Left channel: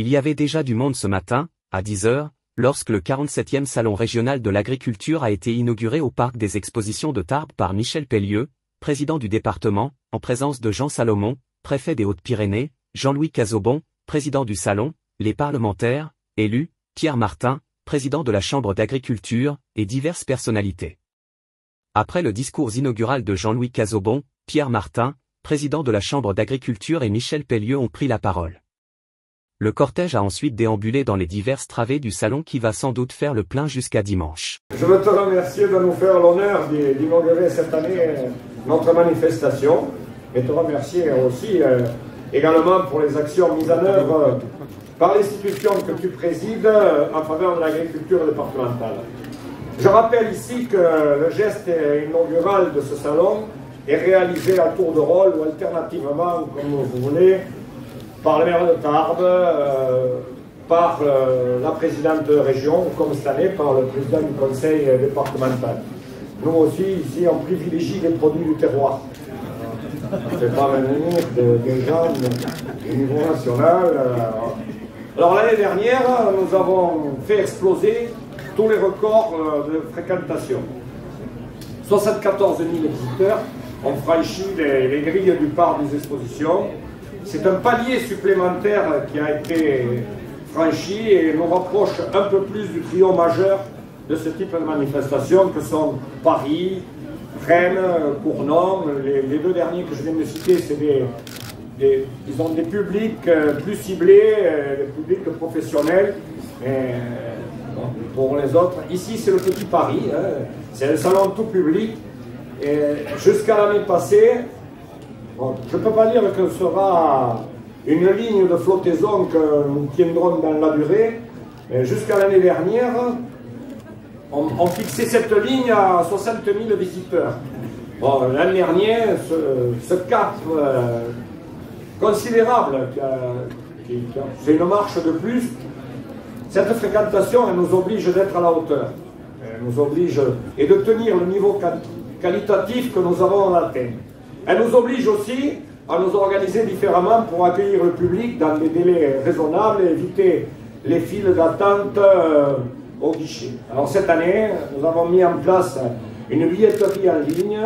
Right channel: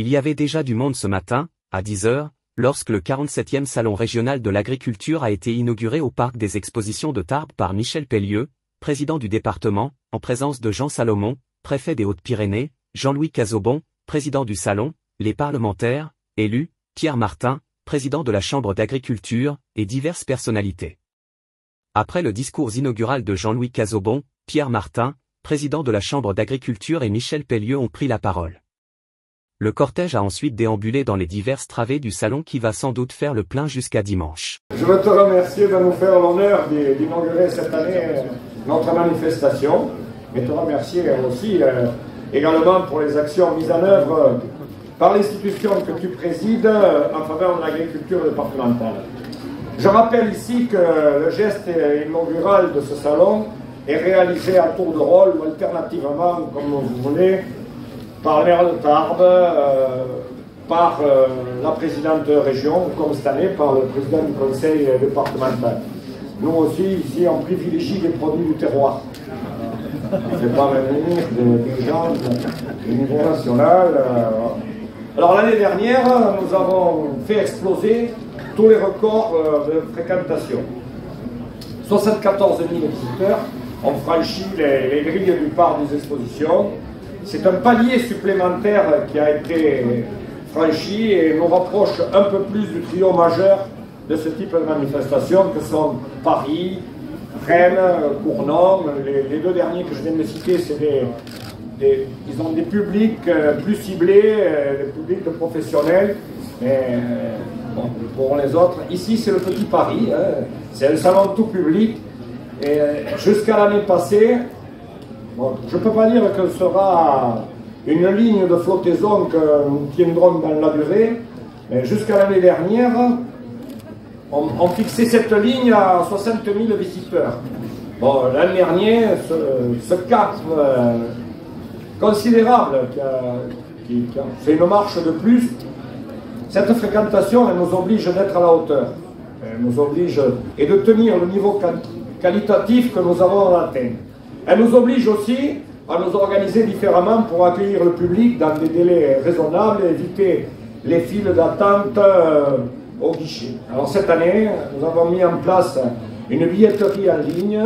Il y avait déjà du monde ce matin, à 10 h, lorsque le 47e Salon régional de l'agriculture a été inauguré au Parc des Expositions de Tarbes par Michel Pellieu, président du département, en présence de Jean Salomon, préfet des Hautes-Pyrénées, Jean-Louis Cazobon, président du Salon, les parlementaires, élus, Pierre Martin, président de la Chambre d'agriculture, et diverses personnalités. Après le discours inaugural de Jean-Louis Cazobon, Pierre Martin, président de la Chambre d'agriculture et Michel Pellieu ont pris la parole. Le cortège a ensuite déambulé dans les diverses travées du salon qui va sans doute faire le plein jusqu'à dimanche. Je veux te remercier de nous faire l'honneur d'inaugurer cette année notre manifestation, et te remercier aussi également pour les actions mises en œuvre par l'institution que tu présides en faveur de l'agriculture départementale. Je rappelle ici que le geste inaugural de ce salon est réalisé à tour de rôle ou alternativement, comme vous voulez, par le maire de Tarbes, par la présidente de région, comme cette année, par le président du conseil départemental. Nous aussi, ici, on privilégie les produits du terroir. On ne fait pas venir des gens du niveau national. Alors l'année dernière, nous avons fait exploser tous les records de fréquentation. 74 000 visiteurs ont franchi les grilles du parc des expositions. C'est un palier supplémentaire qui a été franchi et nous rapproche un peu plus du trio majeur de ce type de manifestation que sont Paris, Rennes, Cournon. Les deux derniers que je viens de citer, c'est ils ont des publics plus ciblés, des publics de professionnels. Mais bon, pour les autres, ici c'est le petit Paris, hein, c'est le salon tout public. Et jusqu'à l'année passée, bon, je ne peux pas dire que ce sera une ligne de flottaison que nous tiendrons dans la durée, mais jusqu'à l'année dernière, on fixait cette ligne à 60 000 visiteurs. Bon, l'année dernière, ce cap considérable, c'est une marche de plus. Cette fréquentation, elle nous oblige d'être à la hauteur. Elle nous oblige et de tenir le niveau qualitatif que nous avons atteint. Elle nous oblige aussi à nous organiser différemment pour accueillir le public dans des délais raisonnables et éviter les files d'attente au guichet. Alors cette année, nous avons mis en place une billetterie en ligne,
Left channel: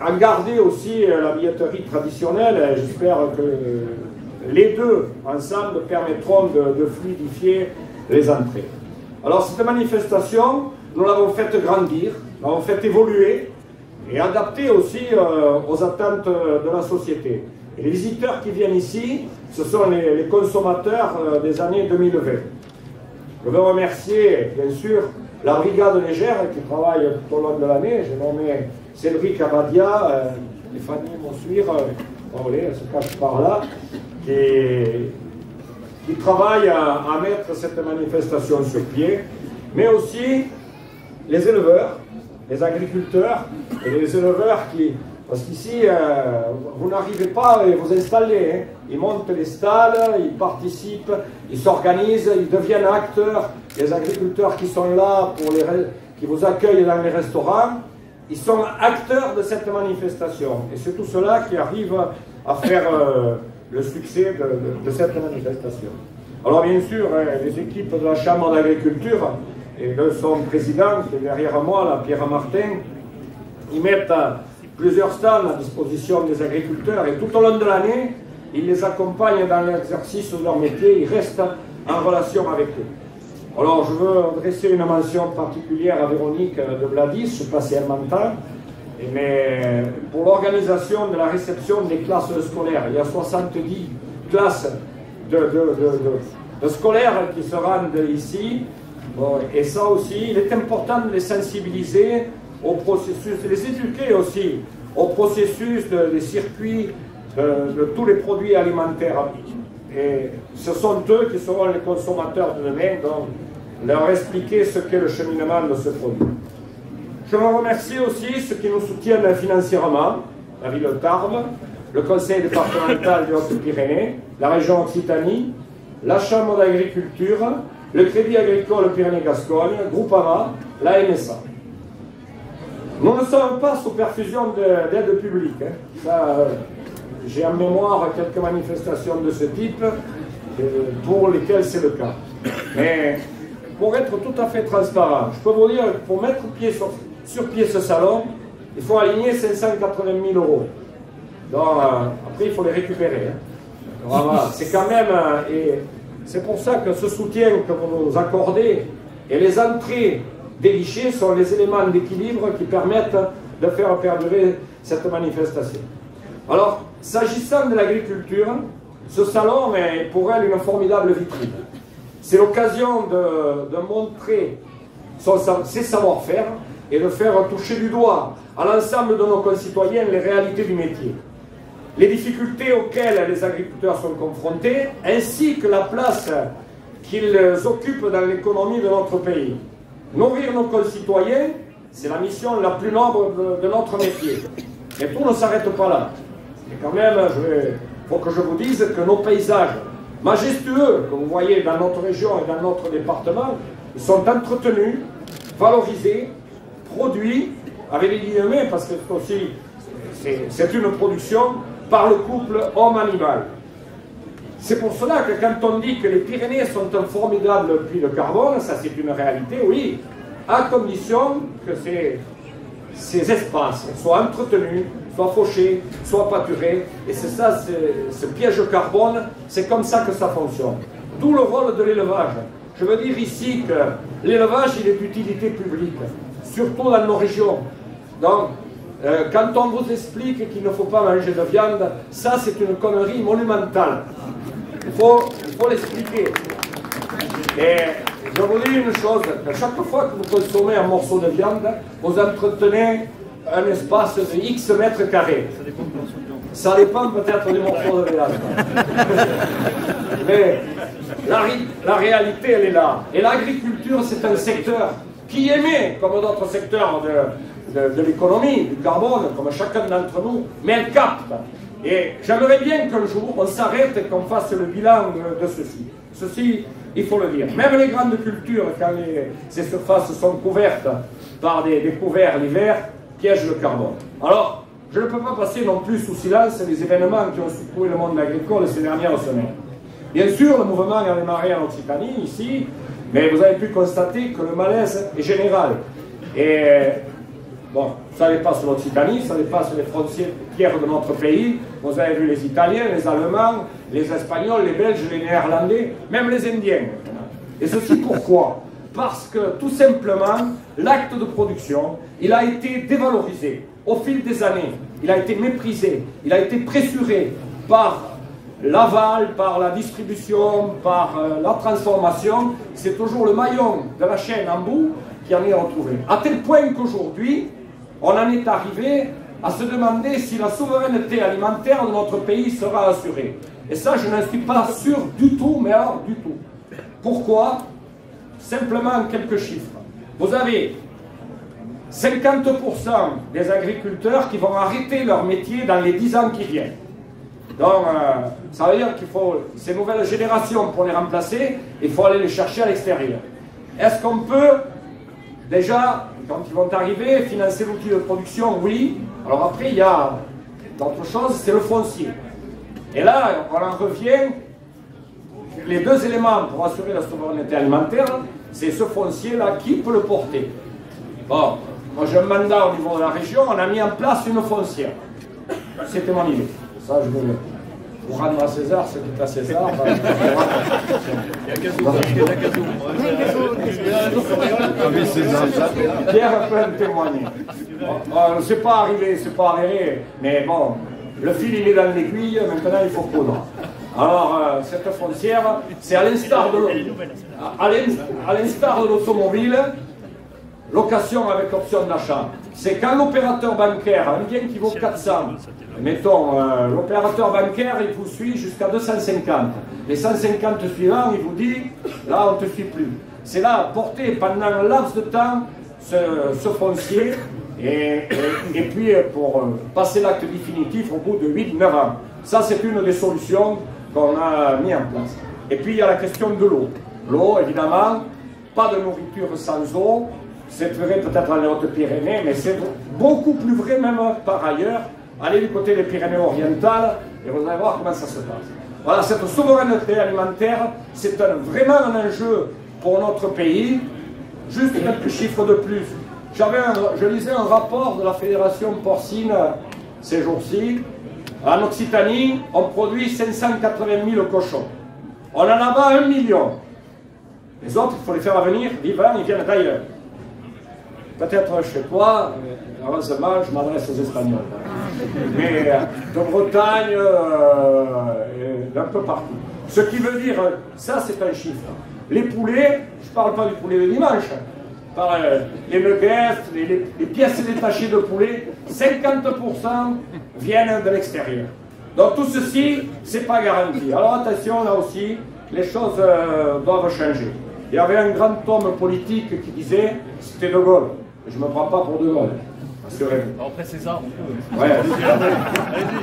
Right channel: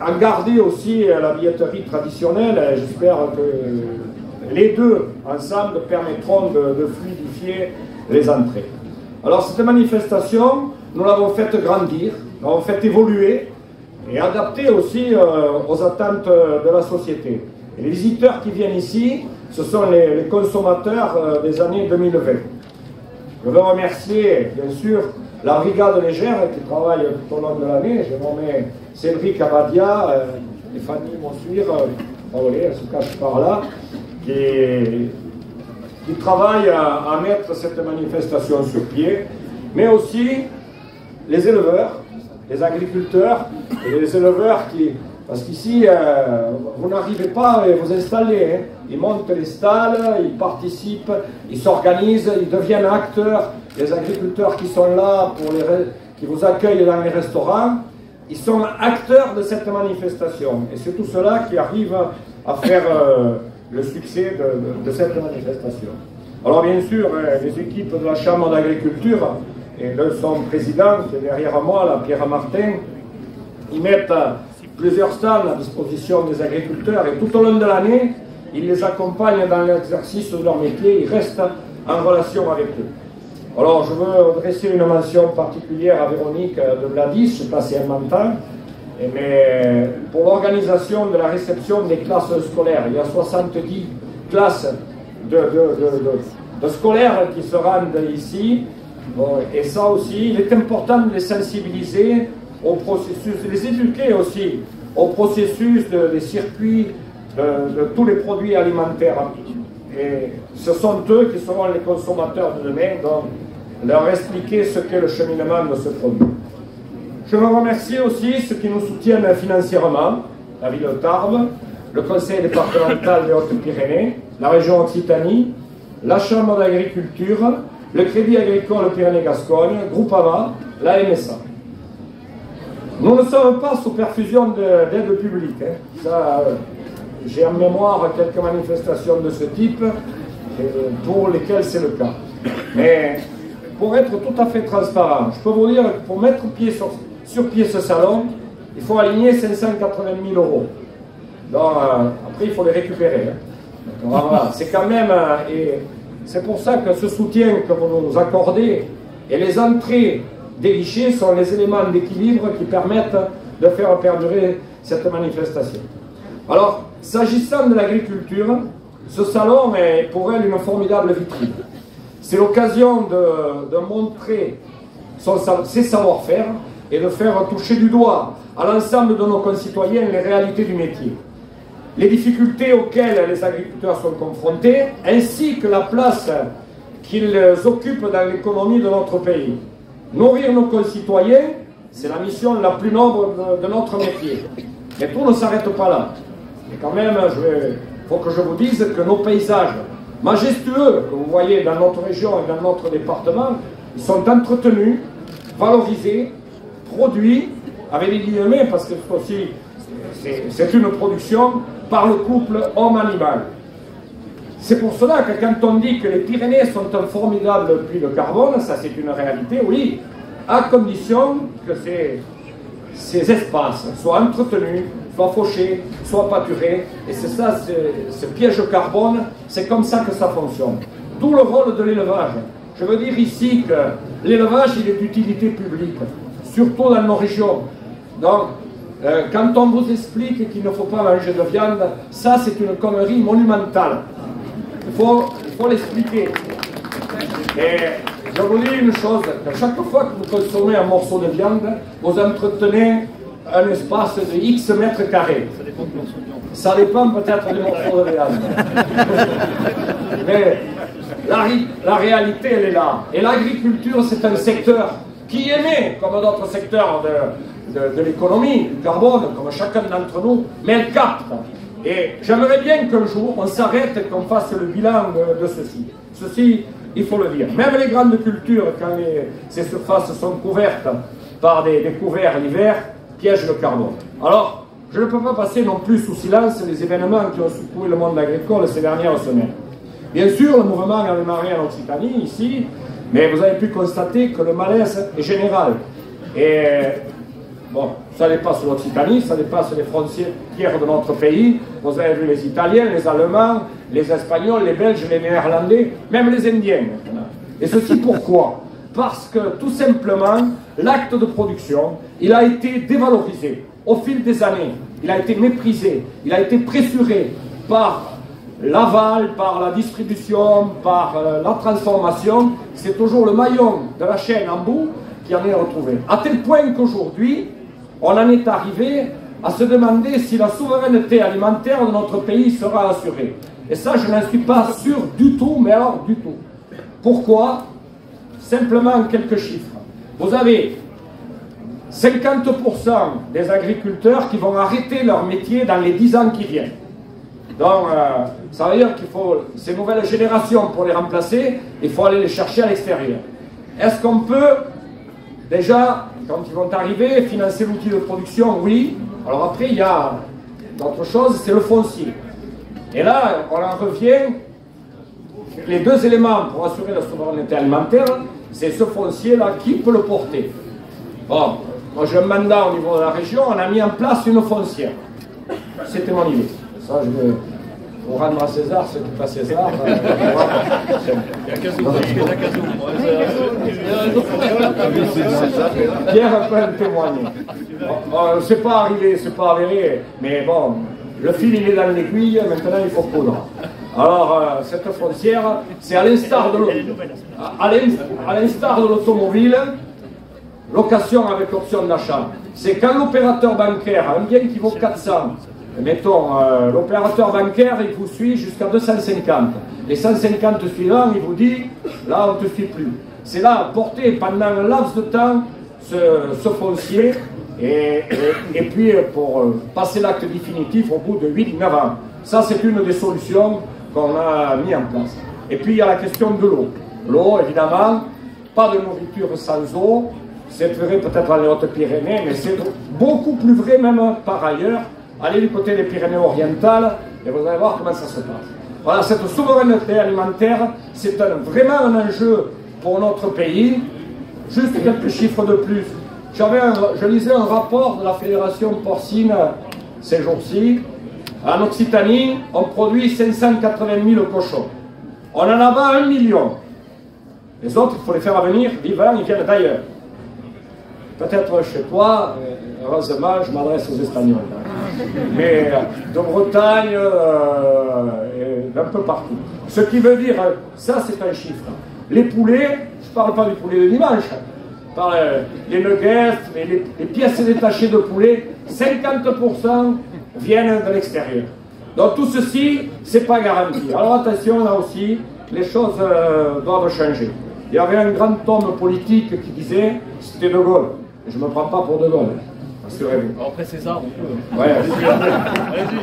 à garder aussi la billetterie traditionnelle. J'espère que les deux ensemble permettront de fluidifier les entrées. Alors cette manifestation, nous l'avons faite grandir, nous l'avons faite évoluer et adapter aussi aux attentes de la société. Et les visiteurs qui viennent ici, ce sont les consommateurs des années 2020. Je veux remercier, bien sûr, la brigade légère qui travaille tout au long de l'année. J'ai nommé Cédric Aradia, Stéphanie Monsuire, elle se cache par là, qui travaille à mettre cette manifestation sur pied, mais aussi les éleveurs, les agriculteurs et les éleveurs qui... Parce qu'ici, vous n'arrivez pas à vous installer. Hein. Ils montent les stalles, ils participent, ils s'organisent, ils deviennent acteurs. Les agriculteurs qui sont là, qui vous accueillent dans les restaurants, ils sont acteurs de cette manifestation. Et c'est tout cela qui arrive à faire le succès de cette manifestation. Alors bien sûr, les équipes de la Chambre d'agriculture et de son président, qui est derrière moi, là, Pierre Martin, ils mettent plusieurs stands à disposition des agriculteurs et tout au long de l'année, ils les accompagnent dans l'exercice de leur métier, ils restent en relation avec eux. Alors je veux adresser une mention particulière à Véronique de Vladis, passé un mental, mais pour l'organisation de la réception des classes scolaires. Il y a 70 classes de scolaires qui se rendent ici, et ça aussi, il est important de les sensibiliser au processus, les éduquer aussi au processus des circuits de tous les produits alimentaires. Et ce sont eux qui seront les consommateurs de demain, donc leur expliquer ce qu'est le cheminement de ce produit. Je veux remercier aussi ceux qui nous soutiennent financièrement, la ville de Tarbes, le conseil départemental des Hautes-Pyrénées, la région Occitanie, la Chambre d'agriculture, le Crédit agricole Pyrénées-Gascogne, Groupama, la MSA. Nous ne sommes pas sous perfusion d'aide publique. Hein. J'ai en mémoire quelques manifestations de ce type pour lesquels c'est le cas. Mais pour être tout à fait transparent, je peux vous dire que pour mettre sur pied ce salon, il faut aligner 580 000 euros. Donc, après, il faut les récupérer. Voilà, c'est quand même... et c'est pour ça que ce soutien que vous nous accordez et les entrées des guichets sont les éléments d'équilibre qui permettent de faire perdurer cette manifestation. Alors, s'agissant de l'agriculture, ce salon est pour elle une formidable vitrine. C'est l'occasion de montrer ses savoir-faire et de faire toucher du doigt à l'ensemble de nos concitoyens les réalités du métier, les difficultés auxquelles les agriculteurs sont confrontés, ainsi que la place qu'ils occupent dans l'économie de notre pays. Nourrir nos concitoyens, c'est la mission la plus noble de notre métier. Mais tout ne s'arrête pas là. Et quand même, il faut que je vous dise que nos paysages majestueux que vous voyez dans notre région et dans notre département, ils sont entretenus, valorisés, produits, avec les guillemets, parce que aussi c'est une production par le couple homme-animal. C'est pour cela que quand on dit que les Pyrénées sont un formidable puits de carbone, ça c'est une réalité, oui, à condition que ces espaces soient entretenus, soient fauchés, soient pâturés, et c'est ça, ce piège de carbone, c'est comme ça que ça fonctionne. D'où le rôle de l'élevage. Je veux dire ici que l'élevage, il est d'utilité publique, surtout dans nos régions. Donc, quand on vous explique qu'il ne faut pas manger de viande, ça c'est une connerie monumentale. Il faut l'expliquer. Et je vous dis une chose, que chaque fois que vous consommez un morceau de viande, vous entretenez un espace de X mètres carrés. Ça dépend peut-être du morceau de viande. Mais la réalité, elle est là. Et l'agriculture, c'est un secteur qui émet, comme d'autres secteurs de l'économie, du carbone, comme chacun d'entre nous, mais elle capte. Et j'aimerais bien qu'un jour, on s'arrête et qu'on fasse le bilan de ceci. Ceci, il faut le dire. Même les grandes cultures, quand ces surfaces sont couvertes par des couverts l'hiver, piègent le carbone. Alors, je ne peux pas passer non plus sous silence les événements qui ont secoué le monde agricole ces dernières semaines. Bien sûr, le mouvement a démarré en Occitanie, ici, mais vous avez pu constater que le malaise est général. Et bon, ça dépasse l'Occitanie, ça dépasse les frontières de notre pays. Vous avez vu les Italiens, les Allemands, les Espagnols, les Belges, les Néerlandais, même les Indiens. Et ceci pourquoi? Parce que tout simplement, l'acte de production, il a été dévalorisé au fil des années. Il a été méprisé, il a été pressuré par l'aval, par la distribution, par la transformation. C'est toujours le maillon de la chaîne en bout qui en est retrouvé. À tel point qu'aujourd'hui, on en est arrivé à se demander si la souveraineté alimentaire de notre pays sera assurée. Et ça, je n'en suis pas sûr du tout, mais alors du tout. Pourquoi? Simplement quelques chiffres. Vous avez 50% des agriculteurs qui vont arrêter leur métier dans les 10 ans qui viennent. Donc, ça veut dire qu'il faut, ces nouvelles générations, pour les remplacer, il faut aller les chercher à l'extérieur. Est-ce qu'on peut, déjà, quand ils vont arriver, financer l'outil de production? Oui. Alors après, il y a d'autres choses, c'est le foncier. Et là, on en revient, les deux éléments pour assurer la souveraineté alimentaire, c'est ce foncier-là, qui peut le porter? Bon, moi j'ai un mandat au niveau de la région, on a mis en place une foncière. C'était mon idée. Ça, je vais vous rendre à César, ce n'est pas César. Il y a Cazou, il y a Cazou. Pierre peut en témoigner. C'est pas arrivé, c'est pas avéré, mais bon, le fil il est dans l'aiguille, maintenant il faut coudre. Alors, cette foncière, c'est à l'instar de l'automobile, location avec option d'achat. C'est quand l'opérateur bancaire a un bien qui vaut 400, mettons, l'opérateur bancaire, il vous suit jusqu'à 250. Les 150 suivants, il vous dit, là, on ne te suit plus. C'est là, porter pendant un laps de temps ce foncier, et puis pour passer l'acte définitif au bout de 8-9 ans. Ça, c'est une des solutions qu'on a mis en place. Et puis, il y a la question de l'eau. L'eau, évidemment, pas de nourriture sans eau. C'est vrai peut-être dans les Hautes-Pyrénées, mais c'est beaucoup plus vrai même par ailleurs. Allez du côté des Pyrénées orientales et vous allez voir comment ça se passe. Voilà, cette souveraineté alimentaire, c'est vraiment un enjeu pour notre pays. Juste quelques chiffres de plus. Je lisais un rapport de la Fédération porcine ces jours-ci. En Occitanie, on produit 580 000 cochons. On en a bas 1 million. Les autres, il faut les faire venir vivants, ils viennent d'ailleurs. Peut-être chez toi, heureusement, je m'adresse aux Espagnols. Mais de Bretagne, d'un peu partout. Ce qui veut dire, ça c'est un chiffre. Les poulets, je ne parle pas du poulet de dimanche, je parle les nuggets, les pièces détachées de poulet, 50% viennent de l'extérieur. Donc tout ceci, c'est pas garanti. Alors attention, là aussi, les choses doivent changer. Il y avait un grand homme politique qui disait, c'était De Gaulle. Je ne me prends pas pour De Gaulle. Après César, on peut. Ouais. Allez-y.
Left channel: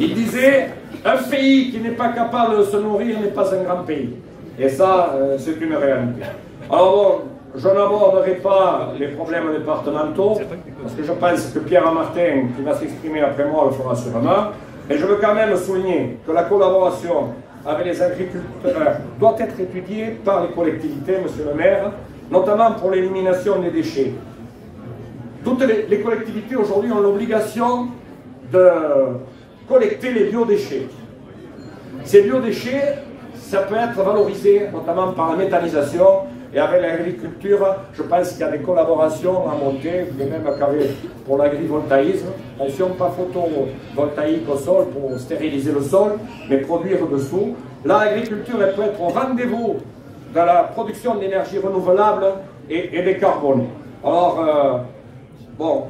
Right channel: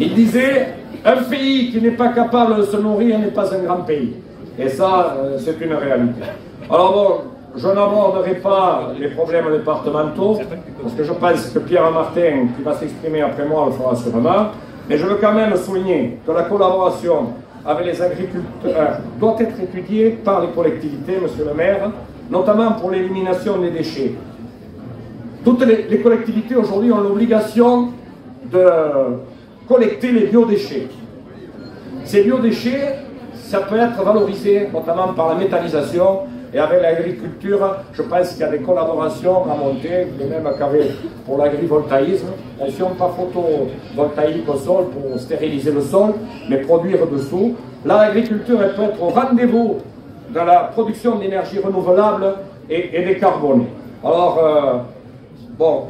Il disait, un pays qui n'est pas capable de se nourrir n'est pas un grand pays. Et ça, c'est une réalité. Alors bon, je n'aborderai pas les problèmes départementaux, parce que je pense que Pierre Martin, qui va s'exprimer après moi, le fera sûrement. Mais je veux quand même souligner que la collaboration avec les agriculteurs doit être étudiée par les collectivités, monsieur le maire, notamment pour l'élimination des déchets. Toutes les collectivités aujourd'hui ont l'obligation de collecter les biodéchets. Ces biodéchets, ça peut être valorisé notamment par la méthanisation, et avec l'agriculture, je pense qu'il y a des collaborations à monter, et même pour l'agrivoltaïsme. Attention, pas photovoltaïque au sol pour stériliser le sol, mais produire dessous. Là, l'agriculture, elle peut être au rendez-vous dans la production d'énergie renouvelable et décarbonée. Alors, bon,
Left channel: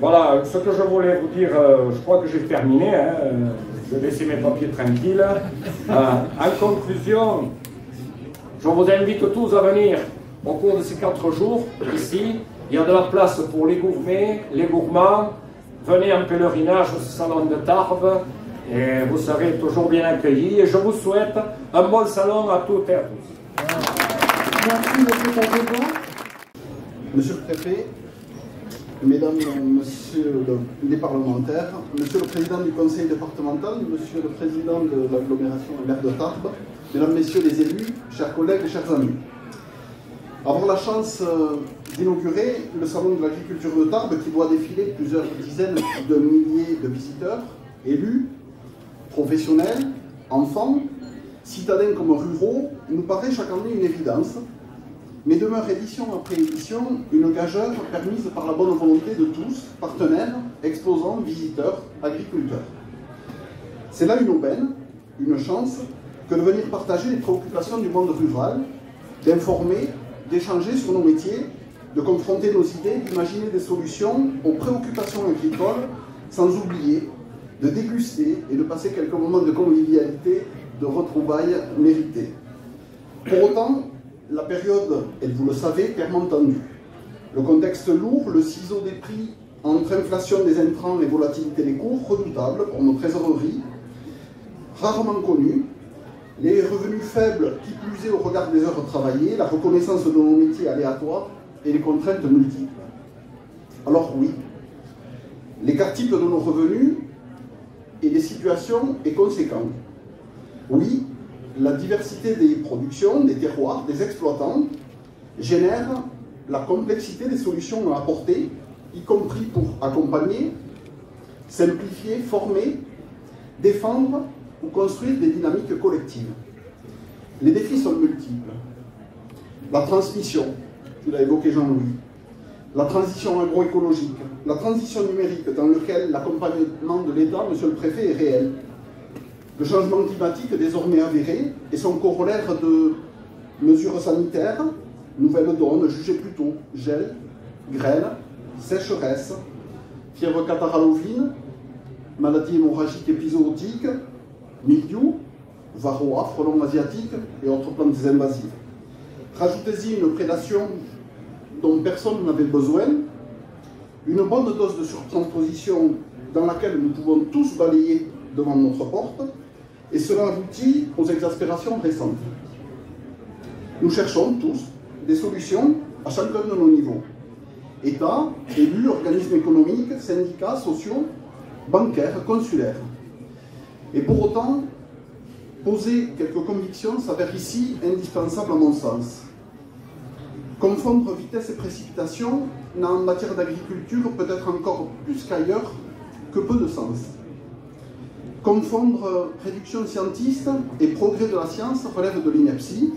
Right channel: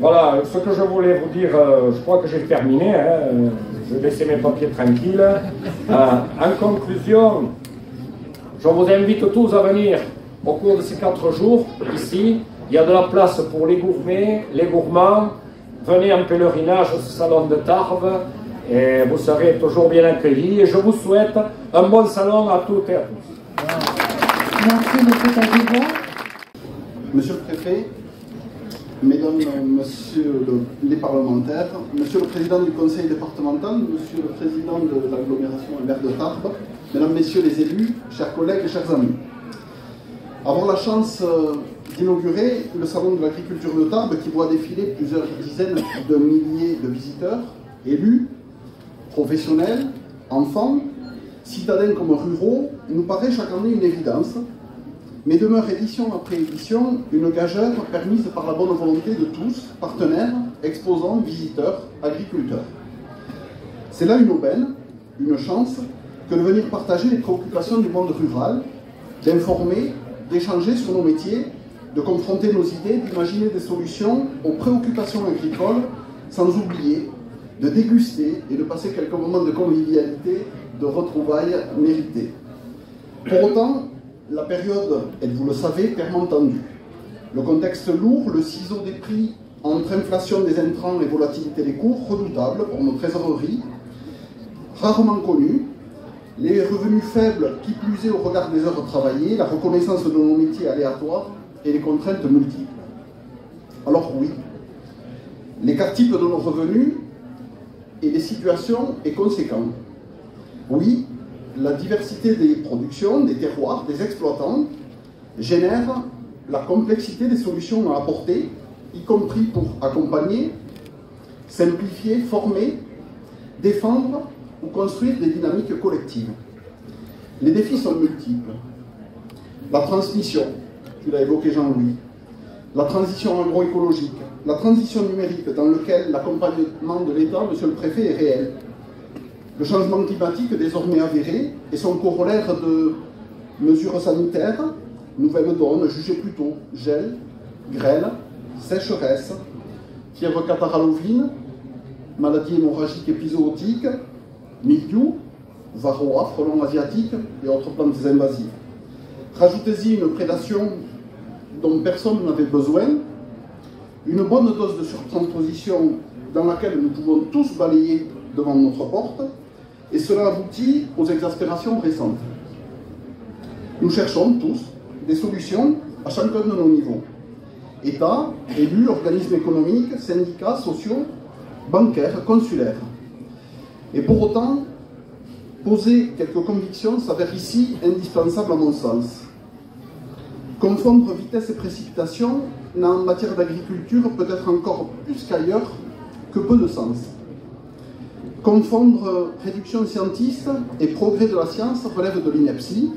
voilà ce que je voulais vous dire, je crois que j'ai terminé, hein, je vais laisser mes papiers tranquilles. En conclusion, je vous invite tous à venir au cours de ces 4 jours ici. Il y a de la place pour les gourmets, les gourmands. Venez en pèlerinage au salon de Tarbes et vous serez toujours bien accueillis. Et je vous souhaite un bon salon à toutes et à tous. Merci, Monsieur le Préfet, Mesdames, Messieurs les parlementaires, Monsieur le Président du Conseil départemental, Monsieur le Président de l'agglomération maire de Tarbes, Mesdames, Messieurs les élus, chers collègues et chers amis. Avoir la chance d'inaugurer le Salon de l'agriculture de Tarbes qui voit défiler plusieurs dizaines de milliers de visiteurs, élus, professionnels, enfants, citadins comme ruraux, nous paraît chaque année une évidence, mais demeure édition après édition une gageure permise par la bonne volonté de tous, partenaires, exposants, visiteurs, agriculteurs. C'est là une aubaine, une chance, que de venir partager les préoccupations du monde rural, d'informer, d'échanger sur nos métiers, de confronter nos idées, d'imaginer des solutions aux préoccupations agricoles, sans oublier de déguster et de passer quelques moments de convivialité, de retrouvailles méritées. Pour autant, la période, et vous le savez, paiement tendu. Le contexte lourd, le ciseau des prix entre inflation des intrants et volatilité des cours, redoutable pour nos trésoreries, rarement connues, les revenus faibles qui plus est au regard des heures travaillées, la reconnaissance de nos métiers aléatoires et les contraintes multiples. Alors oui, l'écart type de nos revenus et des situations est conséquent. Oui, la diversité des productions, des terroirs, des exploitants génère la complexité des solutions à apporter, y compris pour accompagner, simplifier, former, défendre ou construire des dynamiques collectives. Les défis sont multiples. La transmission, tu l'as évoqué Jean-Louis, la transition agroécologique, la transition numérique dans laquelle l'accompagnement de l'État, monsieur le préfet, est réel. Le changement climatique désormais avéré et son corollaire de mesures sanitaires, nouvelles donnes jugées plus tôt, gel, grêle, sécheresse, fièvre catarrhalovine, maladies hémorragiques épizootiques, mildiou, varroa, frelons asiatiques et autres plantes invasives. Rajoutez-y une prédation dont personne n'avait besoin, une bonne dose de surtransposition dans laquelle nous pouvons tous balayer devant notre porte, et cela aboutit aux exaspérations récentes. Nous cherchons tous des solutions à chacun de nos niveaux. État, élus, organismes économiques, syndicats, sociaux, bancaires, consulaires. Et pour autant, poser quelques convictions s'avère ici indispensable à mon sens. Confondre vitesse et précipitation n'a en matière d'agriculture peut-être encore plus qu'ailleurs que peu de sens. Confondre réduction scientiste et progrès de la science relève de l'ineptie.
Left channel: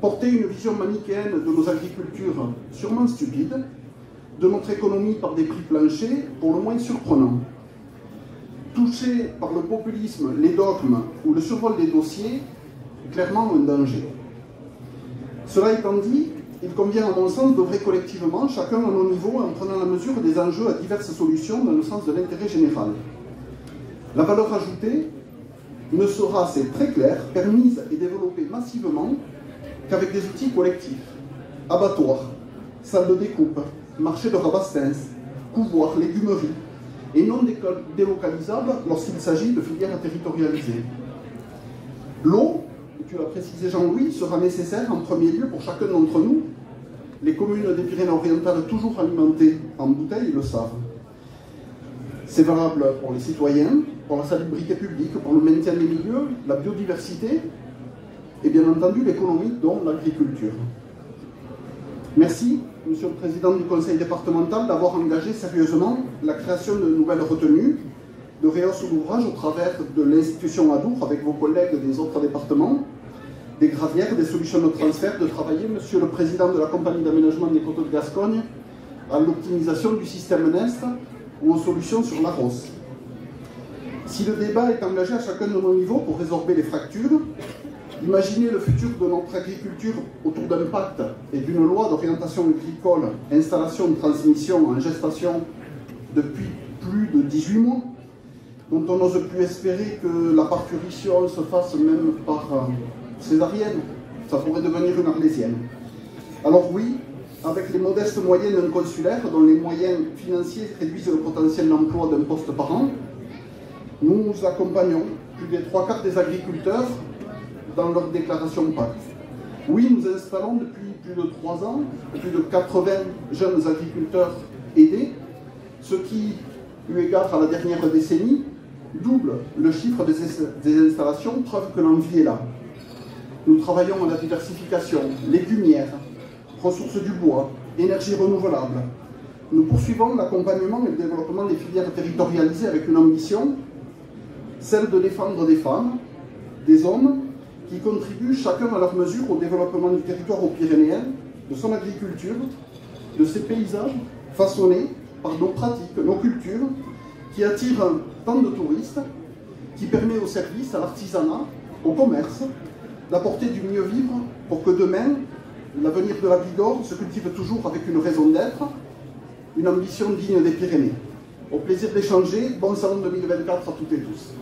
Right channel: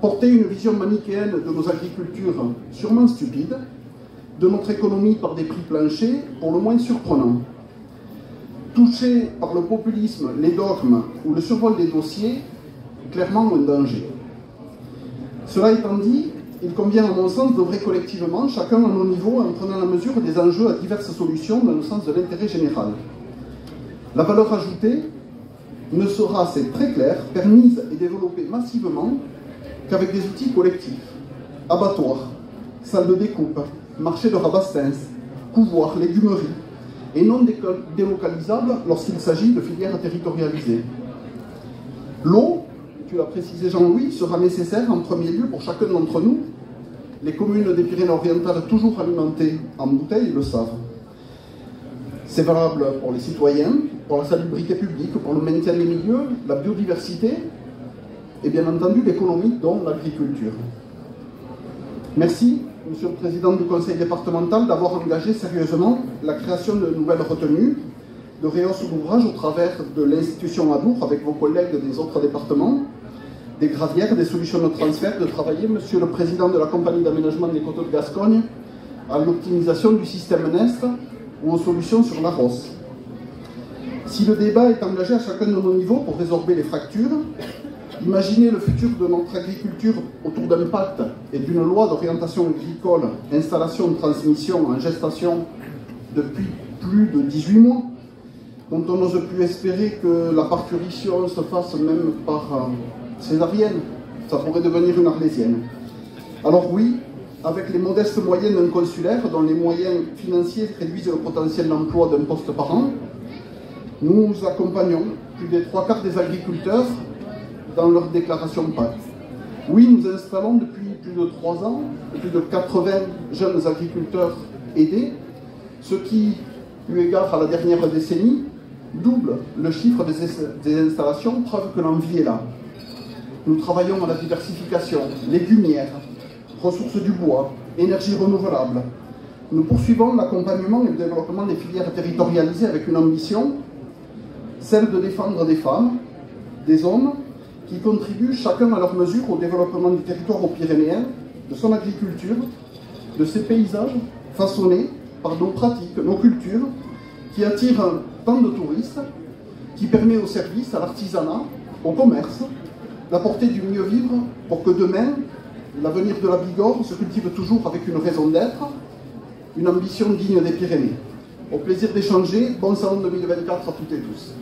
Porter une vision manichéenne de nos agricultures sûrement stupide, de notre économie par des prix planchers pour le moins surprenants. Toucher par le populisme, les dogmes ou le survol des dossiers, clairement un danger. Cela étant dit, il convient à mon sens d'œuvrer collectivement, chacun à nos niveaux, en prenant la mesure des enjeux à diverses solutions dans le sens de l'intérêt général. La valeur ajoutée ne sera, c'est très clair, permise et développée massivement qu'avec des outils collectifs. Abattoirs, salles de découpe, marché de rabastens, couvoirs, légumeries, et non délocalisables lorsqu'il s'agit de filières territorialisées. L'eau, tu l'as précisé Jean-Louis, sera nécessaire en premier lieu pour chacun d'entre nous. Les communes des Pyrénées-Orientales toujours alimentées en bouteilles le savent. C'est valable pour les citoyens, pour la salubrité publique, pour le maintien des milieux, la biodiversité et bien entendu l'économie, dont l'agriculture. Merci, Monsieur le Président du Conseil départemental, d'avoir engagé sérieusement la création de nouvelles retenues, de rehausse d'ouvrage au travers de l'institution Adour avec vos collègues des autres départements, des gravières, des solutions de transfert, de travailler, Monsieur le Président de la Compagnie d'aménagement des coteaux de Gascogne, à l'optimisation du système NEST ou aux solutions sur la Rosse. Si le débat est engagé à chacun de nos niveaux pour résorber les fractures, imaginer le futur de notre agriculture autour d'un pacte et d'une loi d'orientation agricole, installation de transmission en gestation depuis plus de 18 mois, dont on n'ose plus espérer que la parturition se fasse même par césarienne, ça pourrait devenir une arlésienne. Alors oui, avec les modestes moyens d'un consulaire, dont les moyens financiers réduisent le potentiel d'emploi d'un poste par an, nous accompagnons plus des 3/4 des agriculteurs dans leur déclaration de pacte. Oui, nous installons depuis plus de 3 ans plus de 80 jeunes agriculteurs aidés, ce qui, eu égard à la dernière décennie, double le chiffre des installations, preuve que l'envie est là. Nous travaillons à la diversification, légumières, ressources du bois, énergie renouvelable. Nous poursuivons l'accompagnement et le développement des filières territorialisées avec une ambition, celle de défendre des femmes, des hommes, qui contribuent chacun à leur mesure au développement du territoire pyrénéen, de son agriculture, de ses paysages façonnés par nos pratiques, nos cultures, qui attirent tant de touristes, qui permet aux services, à l'artisanat, au commerce, d'apporter du mieux vivre pour que demain, l'avenir de la Bigorre se cultive toujours avec une raison d'être, une ambition digne des Pyrénées. Au plaisir d'échanger, bon salon 2024 à toutes et tous.